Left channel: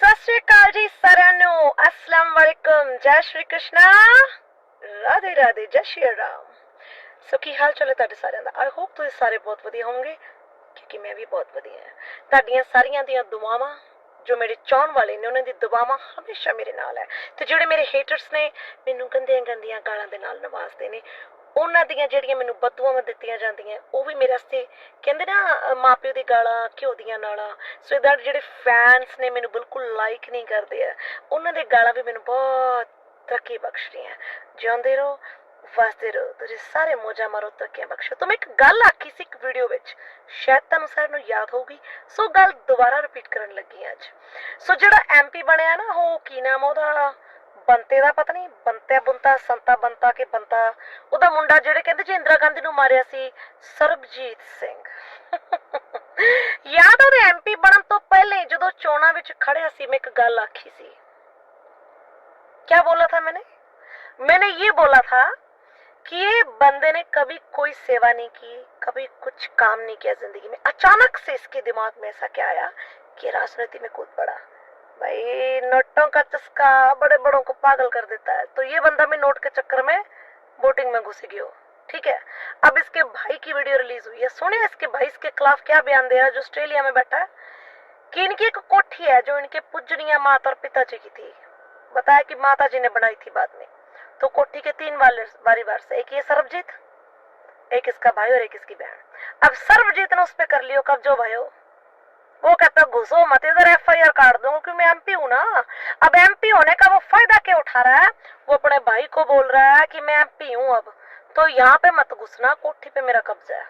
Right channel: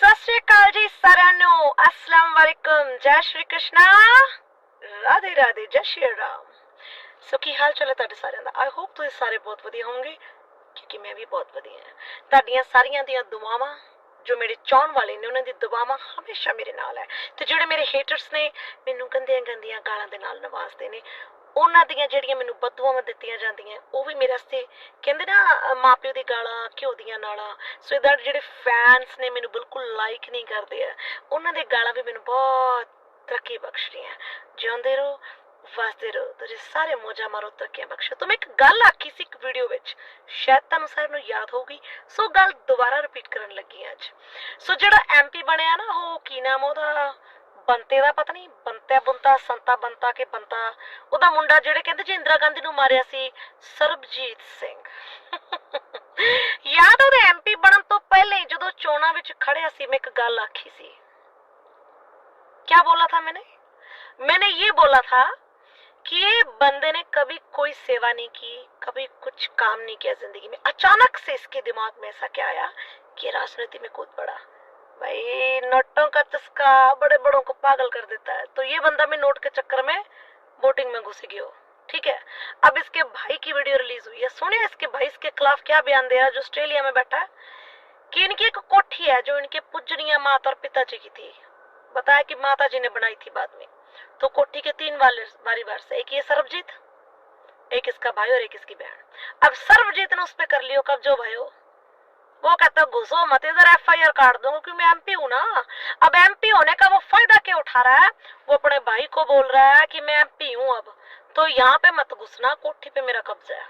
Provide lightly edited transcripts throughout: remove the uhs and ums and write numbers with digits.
सत श्री अकाल जी साਰਿਆਂ ਨੂੰ अस्सलाम वालेकुम जय श्री कृष्णा राधे राधे जय श्री राम। सो की हाल चाल है ਤੁਹਾਡੇ ਸਾਰਿਆਂ ਦਾ। आई होप ਤੁਸੀਂ ਸਾਰੇ बहुत ਵਧੀਆ ਹੋਵੋਗੇ क्योंकि मैं भी बहुत ਵਧੀਆ ਹਾਂ। ਤੁਹਾਡੀਆਂ ਸਾਰੀਆਂ ਦੀਆਂ ਦੁਆਵਾਂ जो मेरे चाहने वाले ने उन्होंने दुआवां हमेशा मेरे नाल है ते जेडे मेरे हेटर्स ने मैनू गंदियां गंदियां गालां दे नाल नवाजदे ने उन्हां दियां जेहड़ियां मैनू बददुआवां दित्तियां जांदियां वो भी मेरे वास्ते कहंदे ना माँ प्यो दी गालां घ्यो दियां नालां। सो दैट जेडे फैंस ने मैनू बिल्कुल लाइक नहीं करदे आ उन्हां दे गालां भी मैनू बहुत तरक्की बख्शदियां। जिउंदे रहो वसदे रहो तुसीं सारे मौजा मारो तरक्कियां बख्शो। तो मैं एक गल आखी सी एक वीडियो विच शायद तुहानू सारिआं नू याद होगी। सो गल दोबारा रिपीट करन लगी अज। सो जेड़ा MP बनया ना वो की नाम ओहदा ਬੰਤੇ ਦਾ पता नहीं ਬੰਤਿਆ बुंता संता ਬੰਤਾ के ਬੰਤਾ ਉਹਦਾ ਮੁੰਡਾ ਜਿਹੜੇ ਕਹਿੰਦੇ ਜੀ ਇੰਦਰਾ ਗਾਂਧੀ ਨੂੰ ਮਾਰਿਆ ਸੀ ਸਰਬਜੀਤ ਸਿੰਘ। याद ਉਹਦੇ MP ਬਣਨ ਤੋਂ ਪਹਿਲੇ ਜਦੋਂ ਚੋਣਾਂ ਵਿੱਚ ਖੜਿਆ ਸੀ मैं एक गल आखी सी। क्या बोला था मैंने ये बोला था कि ये बंदे ने कभी कोई सेवा नहीं की, कभी कुछ काम नहीं किया जिंदगी में। अचानक से इसके दिमाग में ऐसा क्या आया कि राजनीति में कूद पड़ा। भाई नोटों का चस्का बड़े बड़ों को पागल कर देता है। तो ये बंदा भी नोट के चक्कर में वोटिंग में घुस गया। ठीक है, अब इसके भाई की वीडियो रिलीज हुई है। सुनिए इसके भाई इसके खिलाफ क्या बयान दे रहा है जो ऑस्ट्रेलिया में बैठा है कि इनकी एक कोठी है जो इनके पूजनीय माता और पिताजी की थी। बताया कि माता जी ने बनाई थी बाद में। तो कोठी के 3 वारीवार से, एक ये सरबजीत, एक इसका भाई और एक इसकी बहन। अब सरबजीत ने उस पर कर लियो कब्जो भयो। वो कहता घुसो मत इधर, FIR काट दूंगा क्योंकि मैं MP हूं ना। अब MP होने का वो फायदा क्यों उठा रहा है? वो अपने भाई को बोल रहा है कि मैं MP हूं अब तो यहाँ पे मत घुसना, कोठी पे मेरा कब्जा है।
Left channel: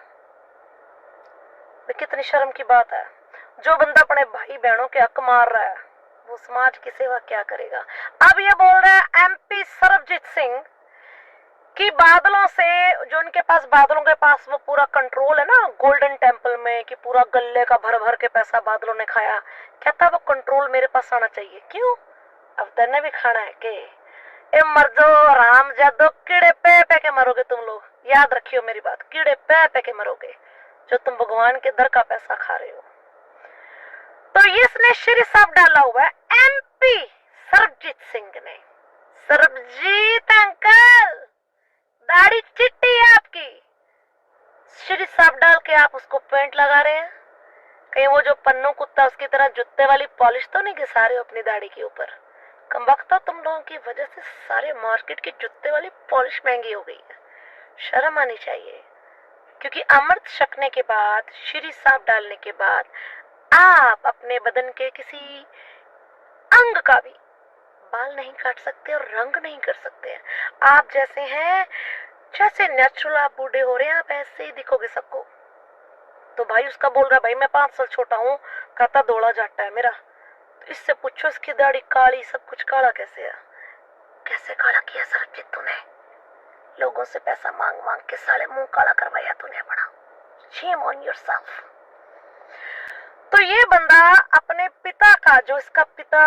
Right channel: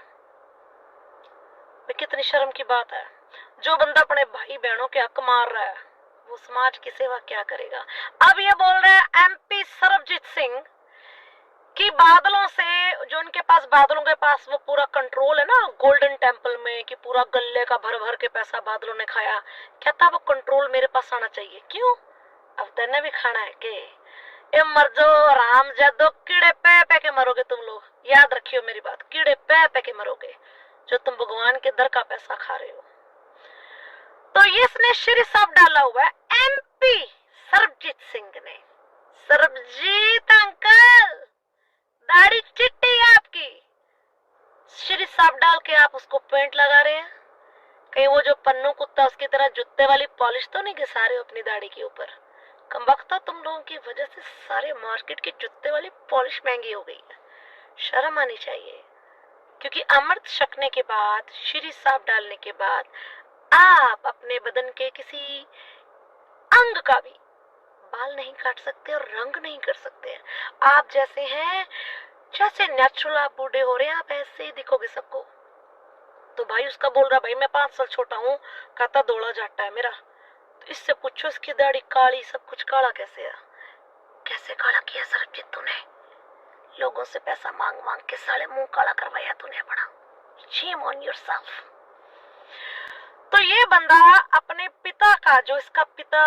कितनी शर्म की बात है। जो बंदा अपने भाई बहनों के हक मार रहा है वो समाज की सेवा क्या करेगा। अब ये बोल रहा है MP सरबजीत सिंह कि बादलों से जो उनके पास बादलों के पास वो पूरा कंट्रोल है ना गोल्डन टेम्पल में कि पूरा गले का भर भर के पैसा बादलों ने खाया। कहता वो कंट्रोल मेरे पास आना चाहिए। क्यों? अब तेने भी खाना है के? ए मर जाओ राम जादो, कीड़े पे के मरोगे तुम लोग। याद रखियो मेरी बात, कीड़े पे के मरोगे जो तुम भगवान के दर का पैसा खा रहे हो। तो ये इसने श्री साहब डाला हुआ है MP सरबजीत सिंह ने। सरबजीत अंकल दाढ़ी चिट्टी है आपकी, श्री साहब डाल के आप उसको पेंट लगा रहे हैं। कहीं वो जो पन्नू कुत्ता उसकी तरह जूते वाली पॉलिश तो नहीं घिसा रहे हो अपनी दाढ़ी के ऊपर। कमबख्ता तुम लोगों की वजह से सारे मार्केट की जूते वाली पॉलिश महंगी हो गई है। शर्म आनी चाहिए क्योंकि अमृत छकने के बाद, श्री साहब डालने के बाद आप अपने बदन के किसी अंग का भी बाल नहीं काट सकते और रंग नहीं कर सकते हैं। आप जैसे हैं, जैसे नेचुरल आप बूढ़े हो रहे हैं आप ऐसे ही दिखोगे सबको। तो भाई उसका बोल रहा भाई मैं 5 साल छोटा हूँ, कहता दौड़ा जाटा है मेरा। तो इससे पूछो इसकी दाढ़ी काली, सब कुछ काला कैसे है? कैसे काला किया सरबजीत तूने? लोगों से पैसा मांग मांग के साले मुंह काला करवाया तूने बड़ा। Shame on yourself. तो ये बंदा अपने पिता का, जो इसका पिता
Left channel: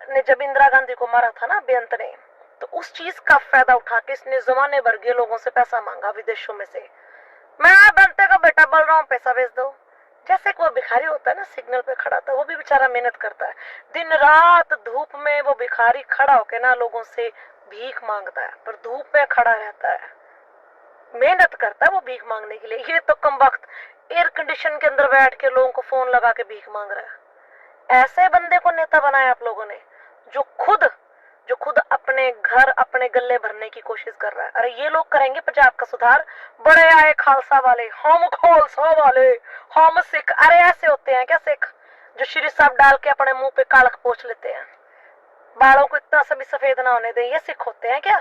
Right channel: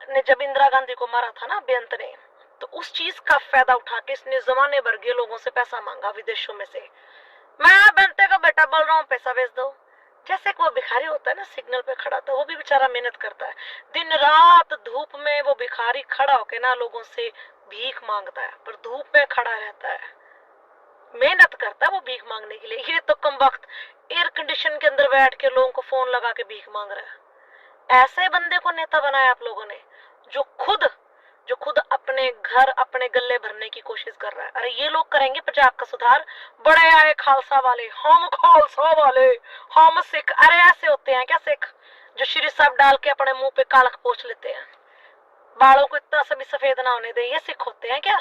ने जब इंदिरा गांधी को मारा था ना बेअंत ने, तो उस चीज का फायदा उठा के इसने जमाने भर के लोगों से पैसा मांगा विदेशों में से। मैं बेअंते का बेटा बोल रहा हूँ पैसा भेज दो। जैसे कि वो भिखारी होता है ना सिग्नल पे खड़ा, तो वो भी बेचारा मेहनत करता है दिन रात धूप में। वो भिखारी खड़ा होके ना लोगों से भीख मांगता है, पर धूप में खड़ा रहता है, मेहनत करता है वो भीख मांगने के लिए। ये तो कमबख्त एयर कंडीशन के अंदर बैठ के लोगों को फोन लगा के भीख मांग रहा है। ऐसे बंदे को नेता बनाया आप लोगों ने जो खुद अपने घर अपने गले भरने की कोशिश कर रहा है। अरे ये लोग करेंगे पंजाब का सुधार, बड़े आए खालसा वाले, हम खालसा वाले, हम सिख। अरे ऐसे होते हैं क्या सिख जो श्री साहब डाल के अपने मुंह पे कालख पोंछ लेते हैं, बालों को इतना सभी सफेद ना होने दें? ये सिख होते हैं क्या?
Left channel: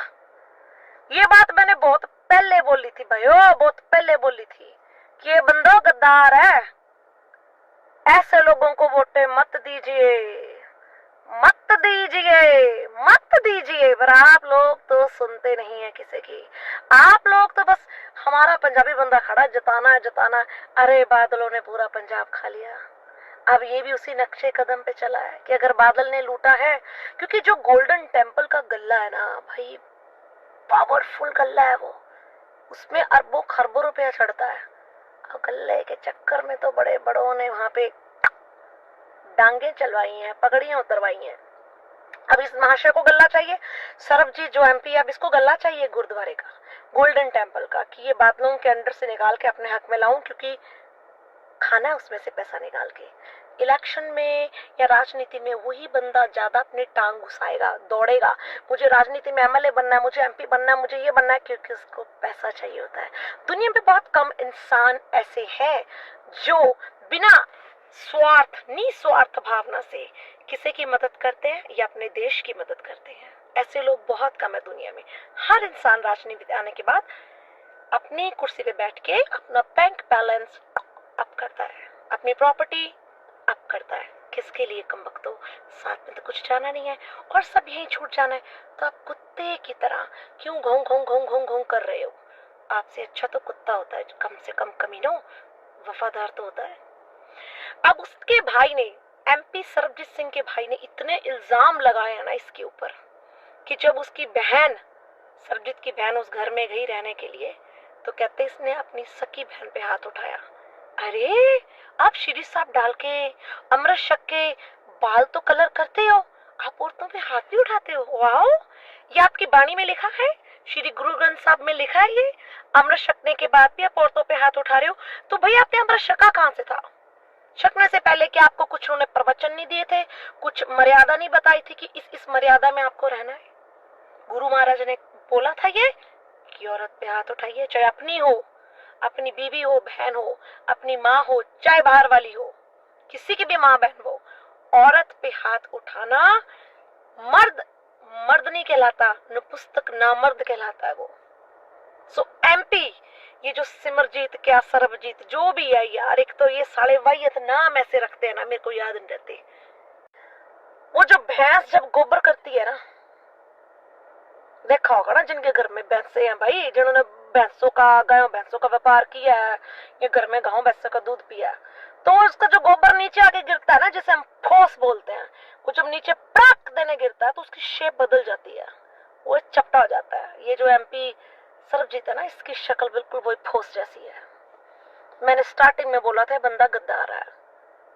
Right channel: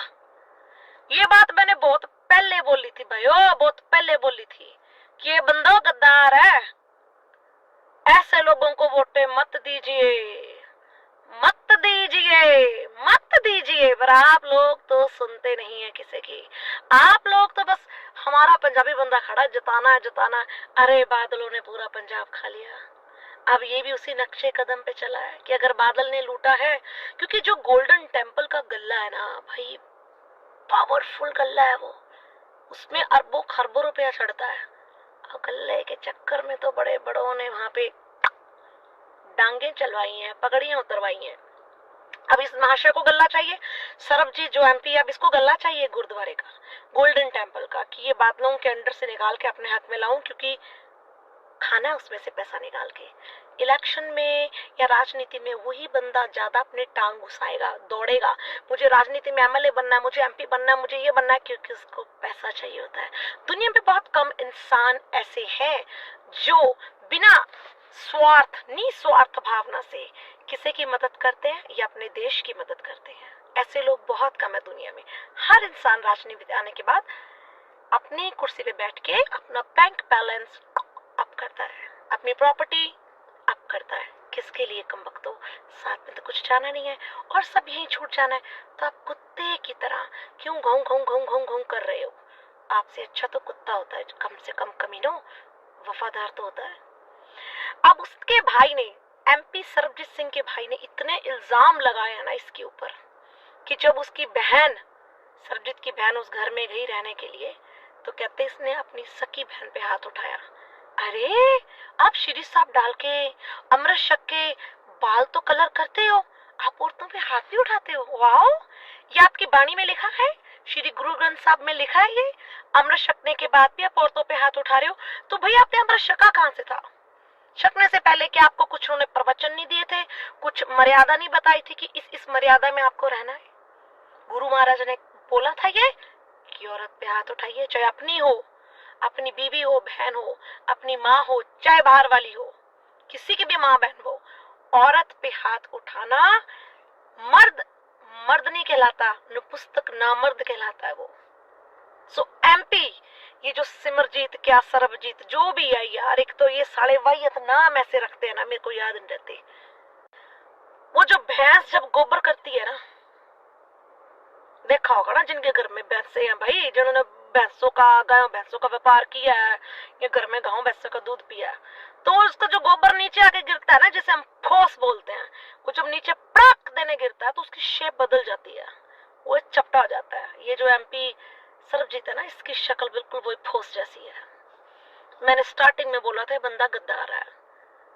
ये बात मैंने बहुत पहले बोली थी भाइयों, बहुत पहले बोली थी कि ये बंदा गद्दार है। ऐसे लोगों को वोटें मत दीजिए, मत दीजिए, मत दीजिए। पर आप लोग तो सुनते नहीं है किसी की। आप लोग तो बस हमारा पंजाबी बंदा खड़ा जताना है जताना है। अरे बादलों ने पूरा पंजाब खा लिया। अब ये भी उसी नक्शे कदम पे चला है कि अगर बादल ने लूटा है, क्योंकि जो गोल्डन टेम्पल का गल्ला है ना भाई, पावरफुल गल्ला है वो, उसमें अरबों खरबों रुपया चढ़ता है। और गल्ले के चक्कर में तो बड़े बड़ों ने वहां पे डांगे चलवाई हैं, पगड़ियां उतरवाई हैं। अब इस महाशय को गल्ला चाहिए, सरबजीत जो एमपी है, अब इसको गल्ला चाहिए गुरुद्वारे का, गोल्डन टेम्पल का, कि ये बादलों के अंडर से निकाल के अपने हक में लाऊं, क्योंकि खाना है उसमें से पैसा निकाल के। इलेक्शन में या राजनीति में वही बंदा ज्यादा अपनी टांग घुसाएगा, दौड़ेगा, मुझे राजनीति में एमएलए बनना है, मुझे एमपी बनना है, मुझे ये बनना है, क्योंकि उसको पैसा चाहिए होता है। दुनिया में बहुत कम इंसान ऐसे हैं जो बिना स्वार्थ, निस्वार्थ भावना से किसी की मदद करते हैं या अपने देश की मदद करते हैं। ऐसे लोग बहुत कम है दुनिया में। हर इंसान राजनीति आने के बाद अपनी कुर्सी पे बैठ के अपना बैंक बैलेंस अप करता है, अपनी प्रॉपर्टी अप करता है। किसके लिए कम वक्त हो, साथ में तो कुछ जाना नहीं है और सब यहीं छूट जाना है, तो आप कुत्ते की तरह क्यों घों घों घों घों घों कर रहे हो? आपसे अच्छा तो कुत्ता होता है, कम से कम कमीनो वफादार तो होता है। अब उसके भाई ने, एमपी सरबजीत सिंह के भाई ने इतने इल्जाम लगाए ना इसके ऊपर कि जब उसकी बहन, सरबजीत की बहन उस घर में गई रहने के लिए, तो कहते इसने अपनी सकी बहन पे हाथ उठाया। अरे आप श्री साहब डाल के, अमृत शक के बाल तो कलर करते हो, आप औरतों पे हाथ भी उठाते हो? वाओ, ये आपकी बाणी में लिखा है, श्री गुरु ग्रंथ साहब में लिखा है ये, अमृत शकने के बाद भी आप औरतों पे हाथ उठा रहे हो। तो भैया आपने अमृत शका कहाँ से था? शकने से पहले क्या आपको कुछ उन्होंने प्रवचन नहीं दिए थे, कुछ मर्यादा नहीं बताई थी कि इस मर्यादा में आपको रहना है? गुरु महाराज ने बोला था ये कि औरत पे हाथ उठाइए, चाहे अपनी हो, अपनी बीवी हो, बहन हो, अपनी माँ हो, चाहे बाहर वाली हो, किसी की भी माँ बहन हो, औरत पे हाथ उठाना मर्द मर्द नहीं कहलाता, नपुंसक नामर्द कहलाता है वो। सो एमपी, ये जो सिमरजीत क्या सरबजीत जो भी है यार, एक तो ये साले वाहियत नाम ऐसे रखते हैं ना, मेरे को याद नहीं रहते। वो जो भैंस जब गोबर करती है ना, देखा होगा ना जिनके घर में भैंसे हैं भाई, जिन्होंने भैंसों का, गायों भैंसों का व्यापार किया है या घर में गायों भैंसों का दूध पिया है, तो उसका जो गोबर नीचे आके गिरता है ना, जिसे हम ठोस बोलते हैं, वो जब नीचे पड़क देने गिरता है तो उसकी शेप बदल जाती है, वो चपटा हो जाता है। ये जो एमपी सरबजीत है ना, इसकी शक्ल बिल्कुल वही ठोस जैसी है। मैंने स्टार्टिंग में बोला था बंदा गद्दार है,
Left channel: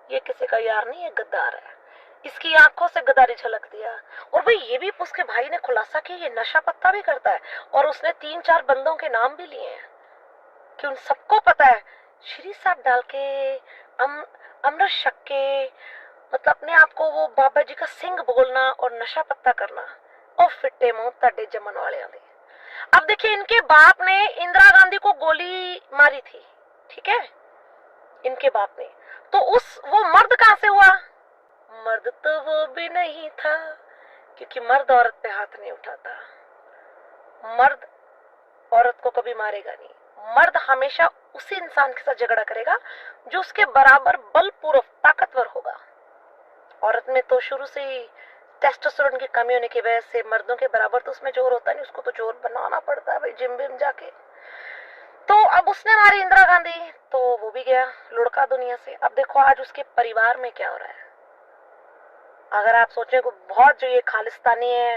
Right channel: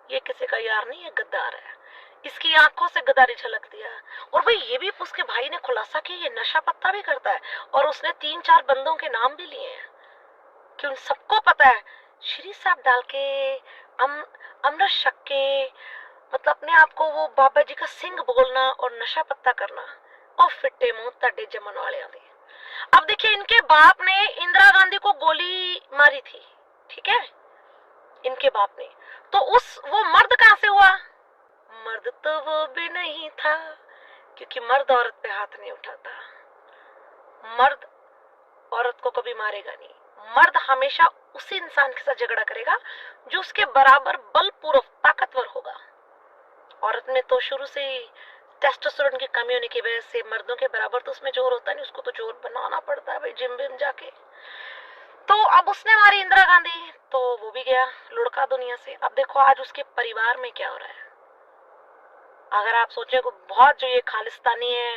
ये किसी का यार नहीं है, गद्दार है। इसकी आंखों से गद्दारी झलकती है। और भाई ये भी उसके भाई ने खुलासा किया ये नशा पत्ता भी करता है, और उसने 3-4 बंदों के नाम भी लिए हैं कि उन सबको पता है श्री साहब डाल के, अमृत शक के, मतलब अपने आप को वो बाबा जी का सिंह बोलना और नशा पत्ता करना, और फिट्टे मुंह तड़े जमन वाले आदि। अब देखिए, इनके बाप ने इंदिरा गांधी को गोली मारी थी, ठीक है, इनके बाप ने, तो वो मर्द कहां से हुआ? मर्द तो वो भी नहीं था, क्योंकि मर्द औरत पे हाथ नहीं उठाता, मर्द औरत को कभी मारेगा नहीं, मर्द हमेशा उसी इंसान के साथ झगड़ा करेगा जो उसके बराबर बलपूर्वक ताकतवर होगा। औरत में तो शुरू से ही टेस्टोस्टेरोन की कमी होने की वजह से मर्दों के बराबर तो उसमें जोर होता नहीं, उसको तो जोर बनाना पड़ता है भाई, जिम विम जाके। तो अब उसने मारी इंदिरा गांधी, तो वो भी गया लुढ़का दुनिया से। अब देखो आज उसके परिवार में क्या हो रहा है। अगर आप सोचे बहुत जो ये खालिस्तानी है,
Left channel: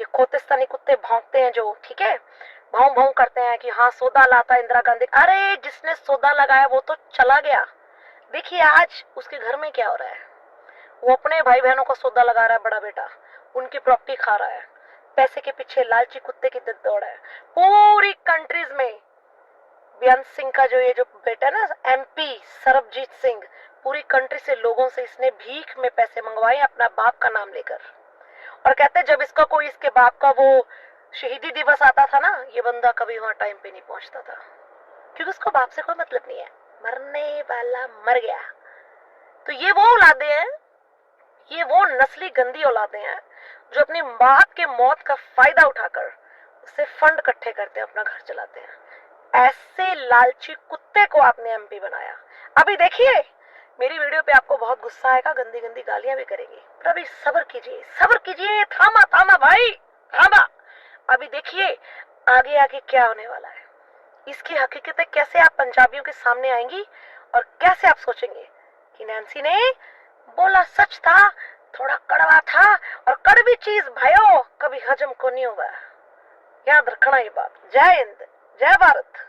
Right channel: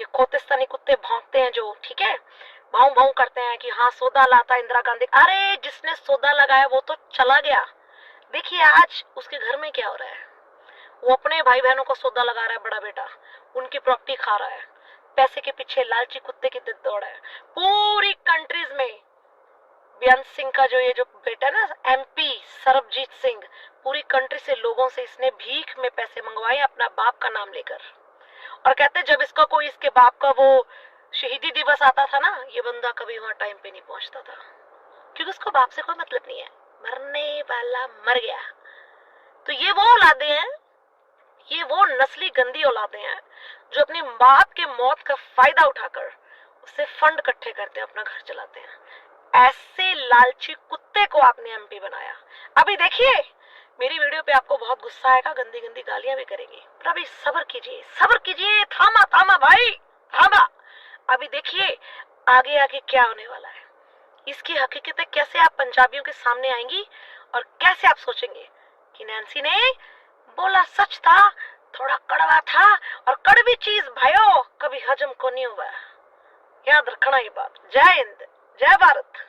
ये खोतिस्तानी कुत्ते भौंकते हैं जो, ठीक है, भाव भाव करते हैं कि हाँ सौदा लाता इंदिरा गांधी, अरे जिसने सौदा लगाया वो तो चला गया। देखिए आज उसके घर में क्या हो रहा है, वो अपने भाई बहनों का सौदा लगा रहा है, बड़ा बेटा उनकी प्रॉपर्टी खा रहा है, पैसे के पीछे लालची कुत्ते की दौड़ है। पूरी कंट्रीज में बेअंत सिंह का जो ये जो बेटा ना एमपी सरबजीत सिंह, पूरी कंट्री से लोगों से इसने भीख में पैसे मंगवाए अपना बाप का नाम लेकर, और कहते जब इसका कोई इसके बाप का वो शहीदी दिवस आता था ना, ये बंदा कभी वहां टाइम पे नहीं पहुंचता था, क्योंकि उसको बाप से कोई मतलब नहीं है, मरने वाला मर गया। तो ये वो औलादे हैं, ये वो नस्ली गंदी औलादे हैं जो अपनी बाप के मौत का फायदा उठाकर उससे फंड इकट्ठे करते हैं, अपना घर चलाते हैं। ऐसे लालची कुत्ते को आपने एमपी बनाया। अभी देखिए मेरी वीडियो पे आपको बहुत गुस्सा आएगा, गंदी गंदी गालियां भी करेंगी, पर अभी सब्र कीजिए, थामा थामा भाई थामा। अभी देखिए आगे आगे क्या होने वाला है, इसकी हकीकतें कैसे आप पंजाबियों के सामने आएंगी, और कैसे आप सोचेंगे कि नैन्सी ने बोला सच था, थोड़ा कड़वा था, और कड़वी चीज भाइयों कभी हजम को नहीं हुआ, याद रखना ये बात। जय हिंद, जय भारत।